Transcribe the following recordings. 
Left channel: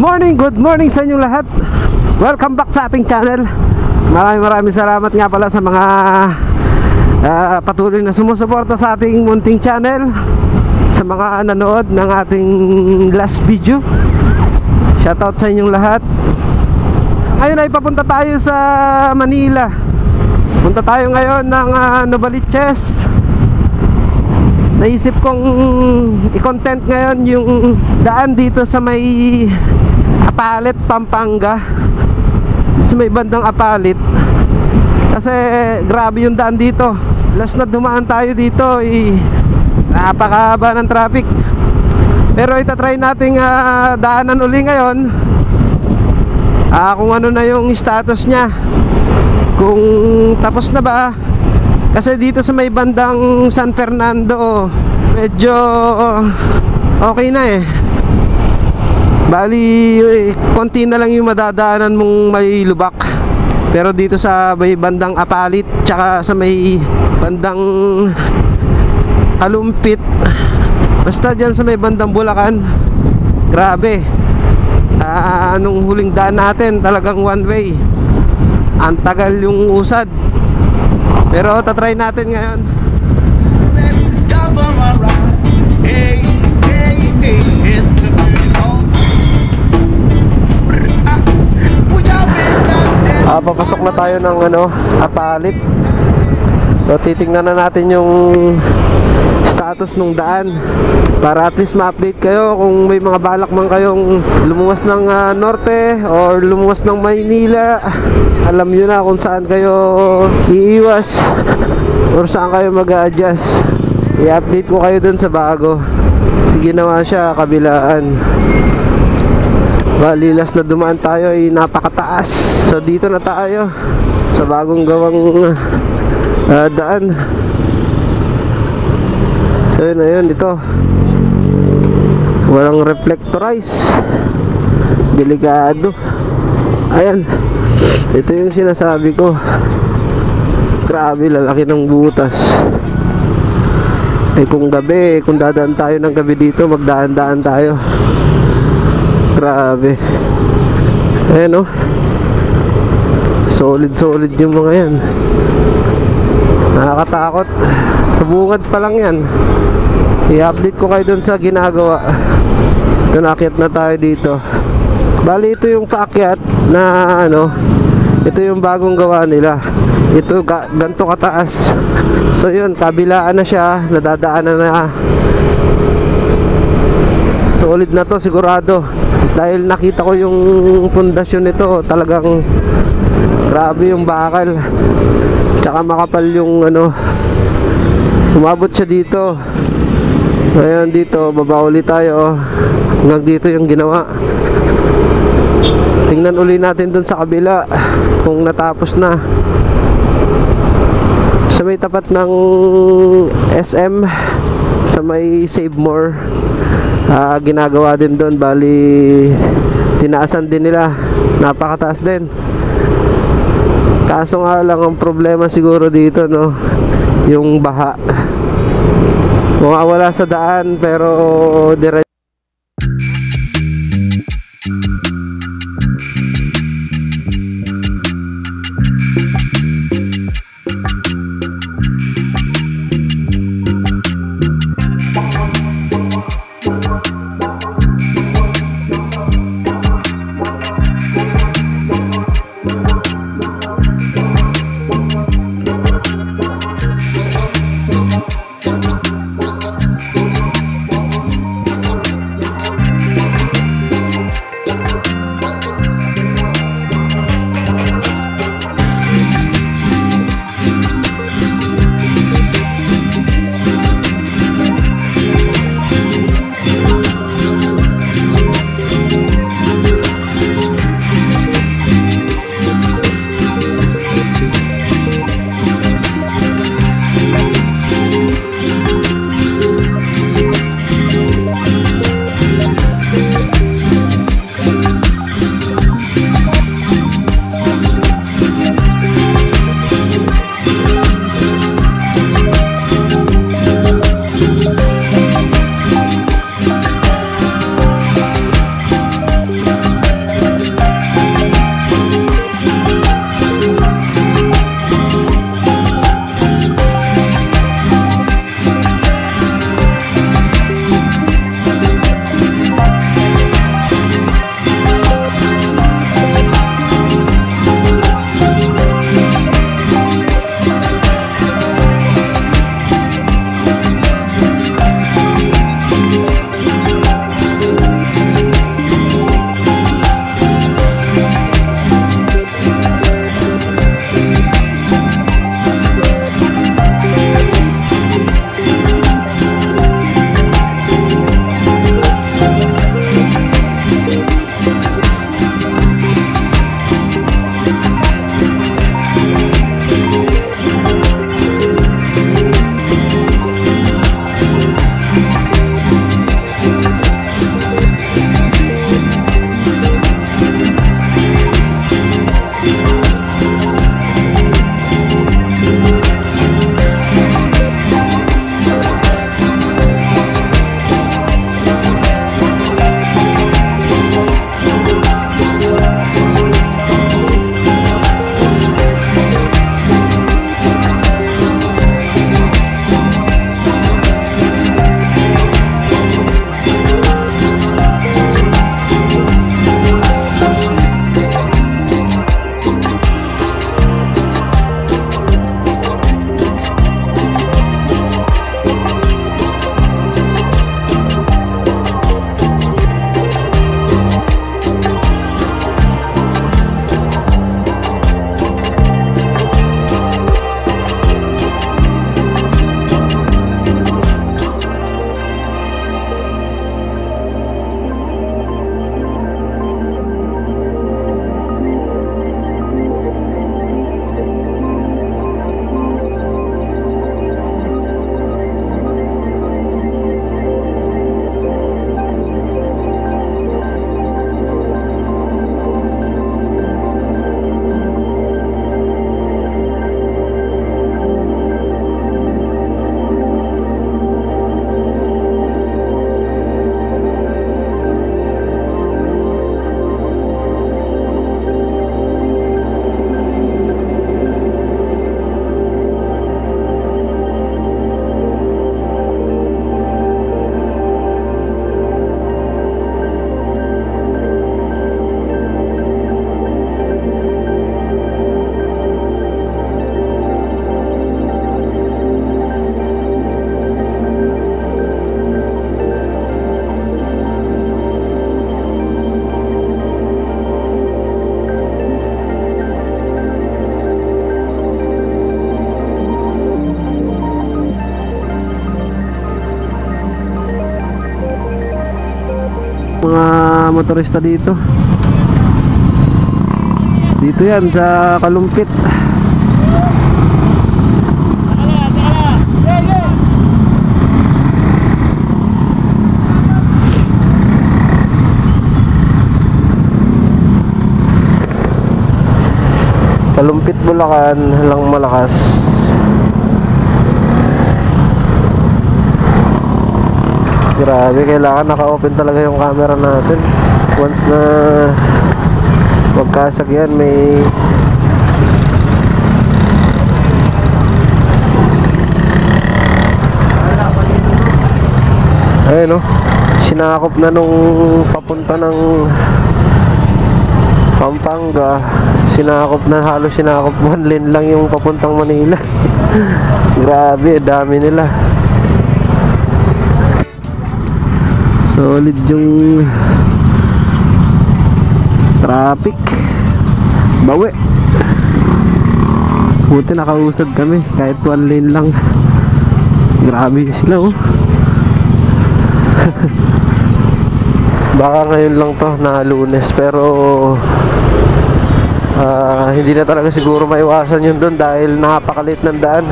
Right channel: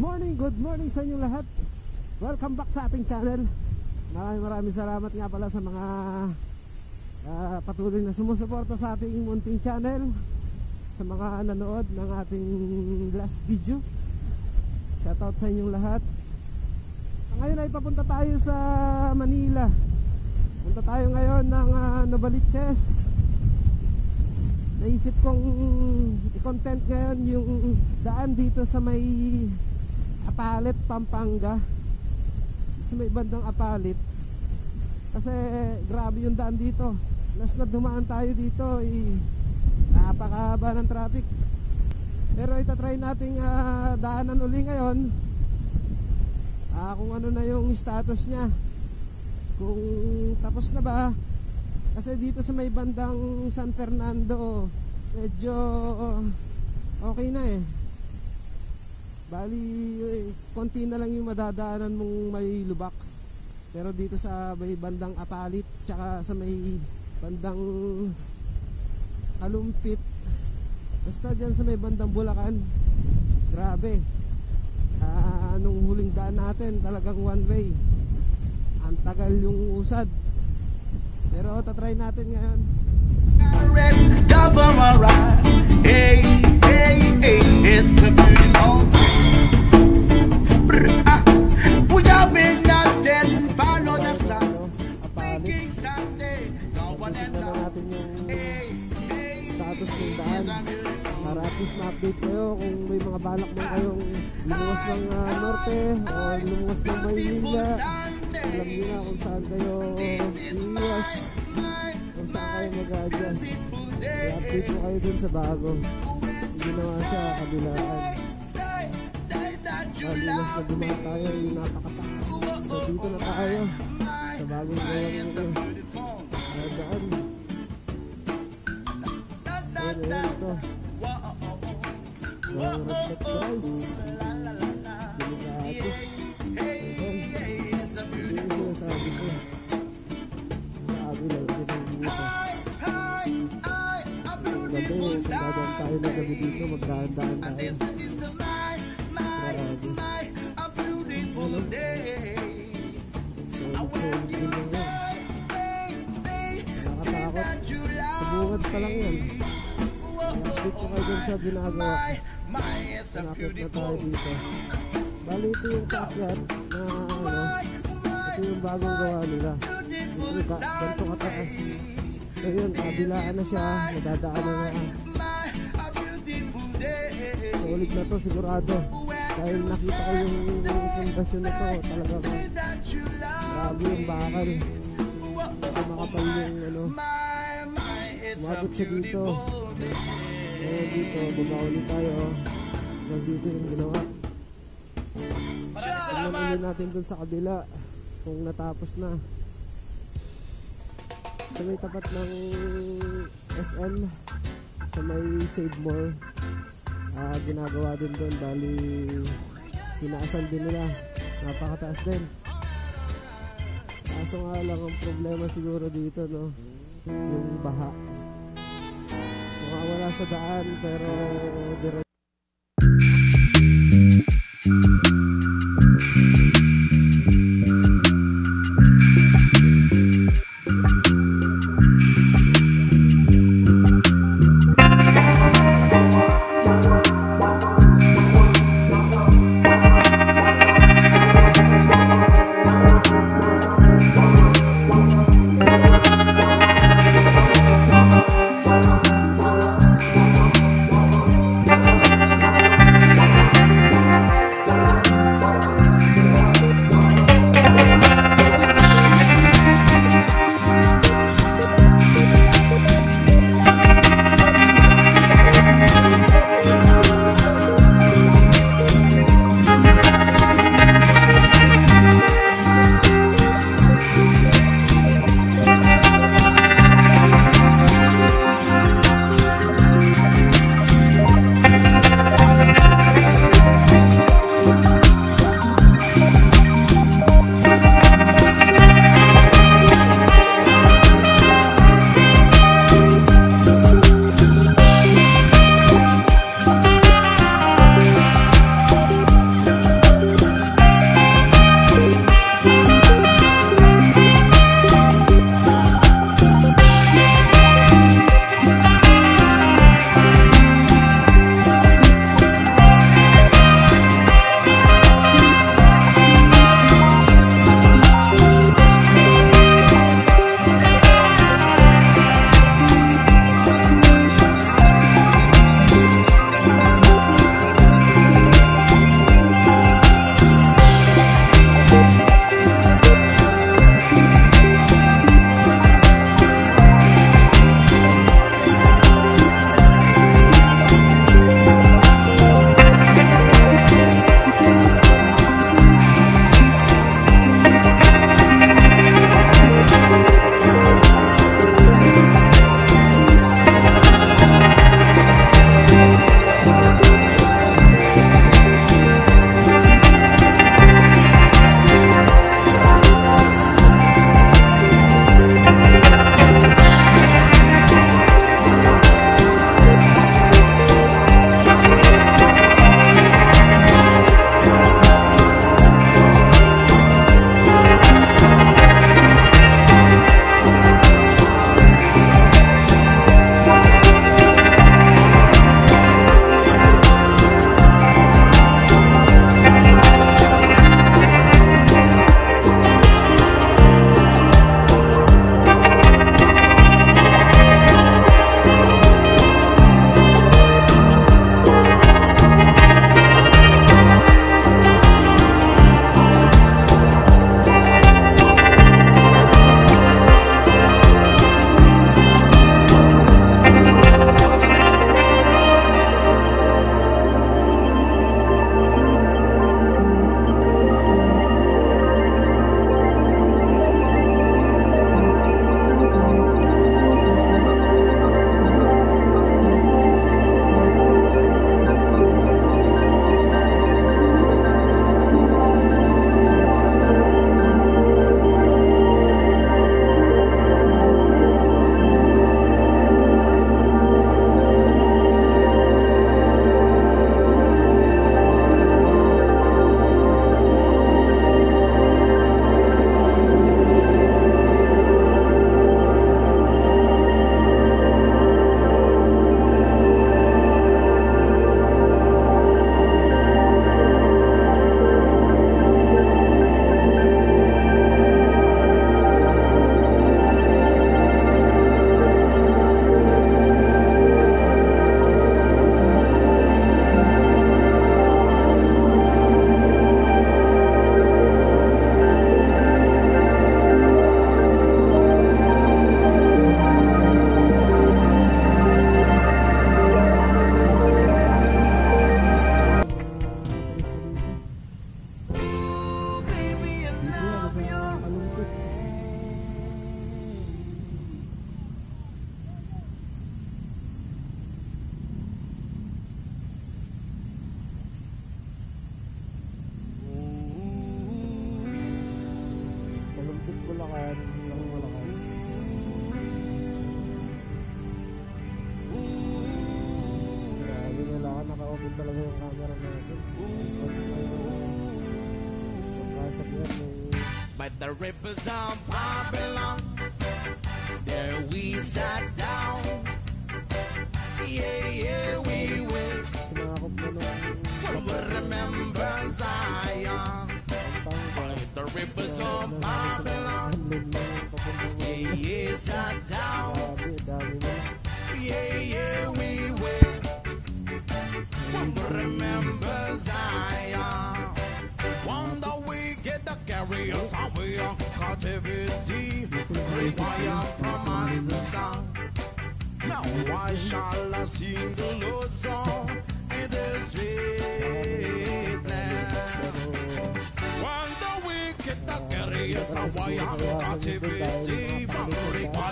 good morning sa inyong lahat. Welcome back sa ating channel. Maraming salamat nga pala sa mga patuloy na sumusuporta sa ating munting channel, sa mga nanood ng ating last video. Shoutout sa inyong lahat. Ngayon ay papunta tayo sa Manila. Punta tayo ngayon ng Novaliches. Naisip kong i-content ngayon yung daan dito sa may Apalit, Pampanga, sa may bandang Apalit. Kasi grabe yung daan dito. Last na dumaan tayo dito napakahaba ng traffic. Pero itatry nating daanan uli ngayon, kung ano na yung status nya, kung tapos na ba. Kasi dito sa may bandang San Fernando medyo okay na Bali konti na lang yung madadaanan mong may lubak. Pero dito sa may bandang Apalit, tsaka sa may bandang Kalumpit, basta dyan sa may bandang Bulacan, grabe. Nung huling daan natin talagang one way, ang tagal yung usad. Pero tatry natin ngayon. Papasok na tayo ng Apalit. So titingnan na natin yung status ng daan, para at least ma-update kayo kung may mga balak man kayong lumuwas ng norte or lumuwas ng Maynila. Alam nyo na kung saan kayo iiwas or saan kayo mag-a-adjust. I-update ko kayo dun sa bago. Sige, ginawa siya kabilaan. Balilas na dumaan tayo ay napakataas. So dito na tayo sa bagong gawang daan. So yun na yun, ito walang reflectorize, delikado. Ayan, ito yung sinasabi ko. Grabe, lalaki ng butas. Kung gabi, kung dadaan tayo ng gabi dito, magdaan-daan tayo. Grabe. Ayan solid yung mga yan. Nakakatakot. Sa bungad pa lang yan. I-update ko kayo dun sa ginagawa. Ito, naakyat na tayo dito. Bali, ito yung paakyat na ito yung bagong gawa nila. Ito ganito kataas. So yun, kabilaan na siya, nadadaanan na. Solid na to sigurado, dahil nakita ko yung pundasyon nito. Talagang grabe yung bakal, tsaka makapal yung umabot siya dito. Ngayon dito, baba ulit tayo. Hanggang dito yung ginawa. Tingnan uli natin dun sa kabila kung natapos na. Sa may tapat ng SM, sa may Save More, ginagawa din doon. Bali, tinaasan din nila, napakataas din. Kaso nga lang, ang problema siguro dito yung baha. Mawawala sa daan, pero diretso. motorista dito. Dito yan sa Kalumpit. Kalumpit, Bulacan, Halang Malakas. Grabe, kailangan naka-open talaga yung camera natin. Once na magkasag yan, may ayun, no? Sinakop na nung papunta ng Pampanga. Sinakop na, halos sinakop 1 lane lang yung papuntang Manila. Grabe, dami nila. Solid yung traffic. Bawi. Buti nakausad kami kahit 1 lane lang. Grabe sila, oh. Baka ngayon lang to na Lunes, pero hindi na talaga siguro maiwasan yun doon dahil napakalit ng daan.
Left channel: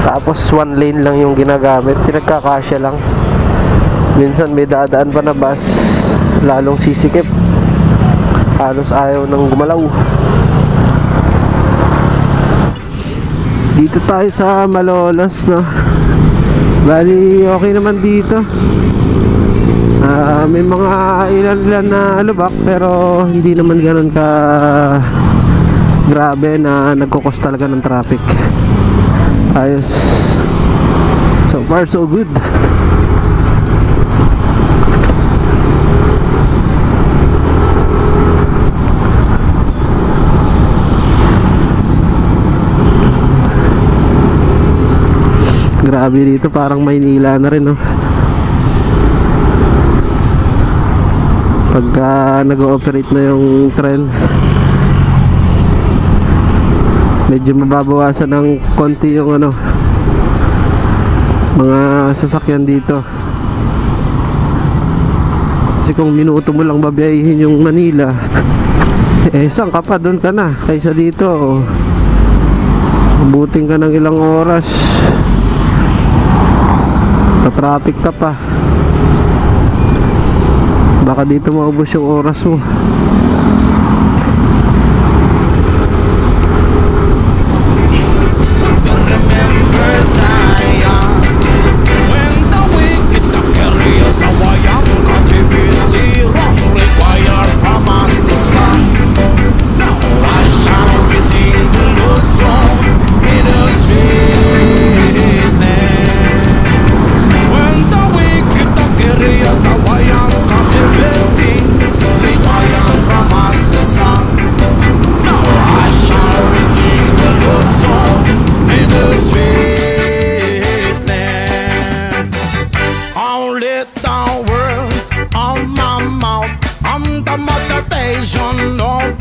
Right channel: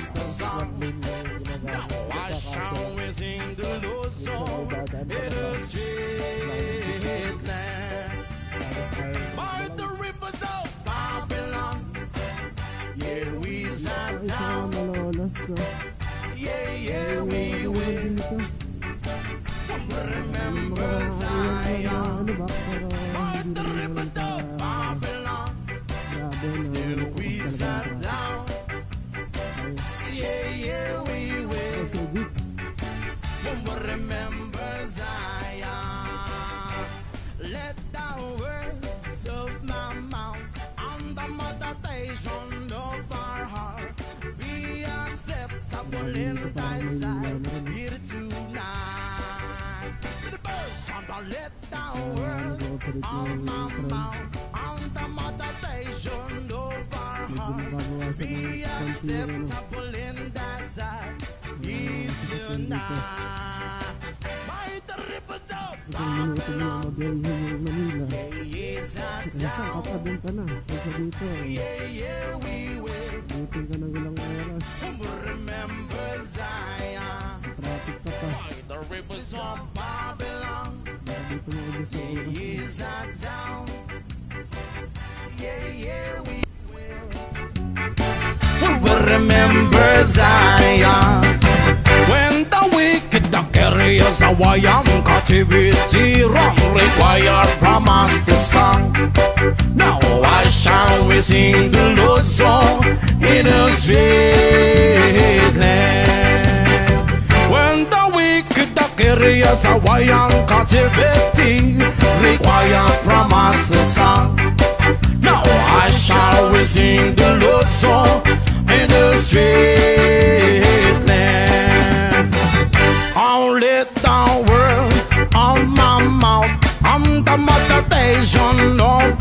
Tapos 1 lane lang yung ginagamit, pinagkakasya lang. Minsan may dadaan pa na bus, lalong sisikip, halos ayaw nang gumalaw. Dito tayo sa Malolos, no? Bali okay naman dito. May mga ilan na lubak, pero hindi naman ganoon ka grabe na nagkukos talaga ng traffic. Ayos. So far so good. Grabe dito, parang Maynila na rin, no? Pagka nag-ooperate na yung tren, medyo mababawasan ng konti yung ano, mga sasakyan dito. Kasi kung minuto mo lang babiyahin yung Manila, eh saan ka pa, doon ka na. Kaysa dito, mabuting ka ng ilang oras, ta-traffic ka pa. Baka dito maubos yung oras mo. Remember Zion, when the wicked carry us away, captivity wrong require from us the sun. Now I shall we sing the Lord's song in a sweet land. When the wicked carry us away, captivity require from us the sun. Now I shall we sing the Lord's song in the street land. Only the words of my mouth, I'm the meditation of